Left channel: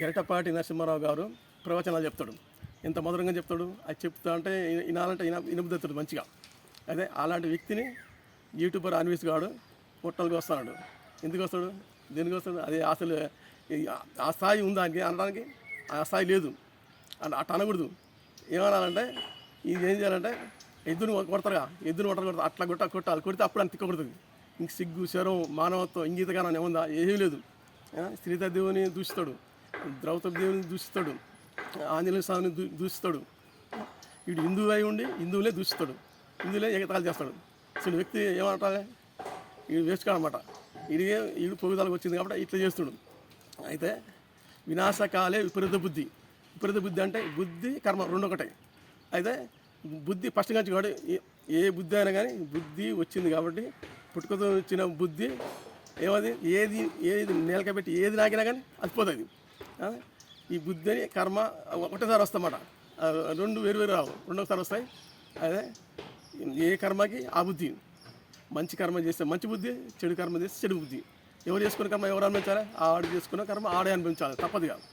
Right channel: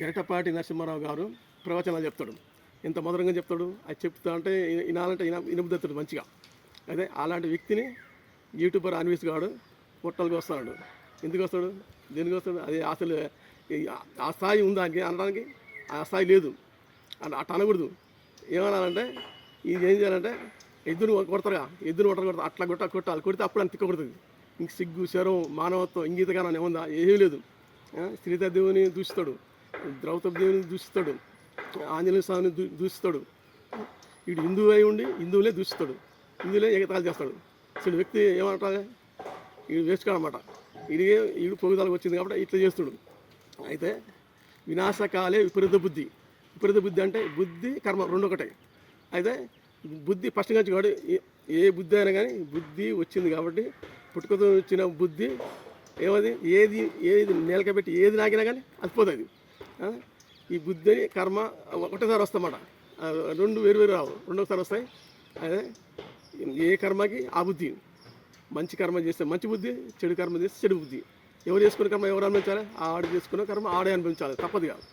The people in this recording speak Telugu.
గరిటపాటి నరసింహారావు గారు ప్రవచనాలు చెప్తాడు. ఎంత మధురంగా చెప్తాడు. అది చెప్తా అంటే వినాలంటే వినబుద్ధుతాడు మంచిగా. అదే అలాంటి వ్యక్తిని యూట్యూబర్ అన్వేష్ గాడు పొట్టలకు వస్తున్నాడు. ఎందుకు వస్తాడు, దేనికి వస్తాడు? అది అసలు ఆ స్థాయి ఉందా అని అనడానికి ఆ స్థాయి లేదు. అట్లా అనకూడదు. ఏమనాలంటే ఇది ఏం చేయాలంటే ఎద్దును కొడతారుగా, ఎద్దును కొడతారు, అట్లా కొట్టాలి. కొడితే అప్పుడు అని తిక్కకూడదు. ఇంక సిగ్గు, శరం, మానవత్వం, ఇంగీతగానం ఏముందా? ఏమీ లేదు. శ్రీదేవిని దూషిస్తాడు, ద్రౌపది దేవుని దూషిస్తాడు, ఆంజనేయ స్వామిని దూషిస్తాడు. వీడు హిందువు అయి ఉండి హిందువులే దూషిస్తాడు, హిందువులే ఎగతాళి చేస్తాడు. అసలు వ్యక్తి ఏమంటారు, వీడు వేసుకోడనమాట. వీడు పొగుదలకు వచ్చింది కాబట్టి ఇట్లా చేస్తుడు. అయితే వినాశకాలే విపరీత బుద్ధి. విపరీత బుద్ధి అంటే బుద్ధి కర్మ రెండు ఒకటే. అయితే బుద్ధి ఫస్ట్ నుంచి కూడా ఏ బుద్ధి అయినా కానీ బుద్ధి వచ్చింది కాబట్టి పుట్టుకతో వచ్చిన బుద్ధి ఏమది ఏది నేలకబెట్టి ఏది నాకినా కానీ అది పోతుంది. ఈ బుద్ధి అని కర్మ ఒకటేసారి వస్తామాట. రెండు వేరు రావు, రెండోసారి వస్తాయి. అదే ఏ కర్మకి ఆ బుద్ధి. మంచి కర్మ చేస్తే మంచి బుద్ధి, చెడు కర్మ చేస్తే చెడు బుద్ధి. ఎవరు చేసుకునే కర్మ ఎవరు అనుభవించాలి? ఆడు చేసుకున్న కర్మ ఆడే అనుభవించాలి, తప్పదు కాదు.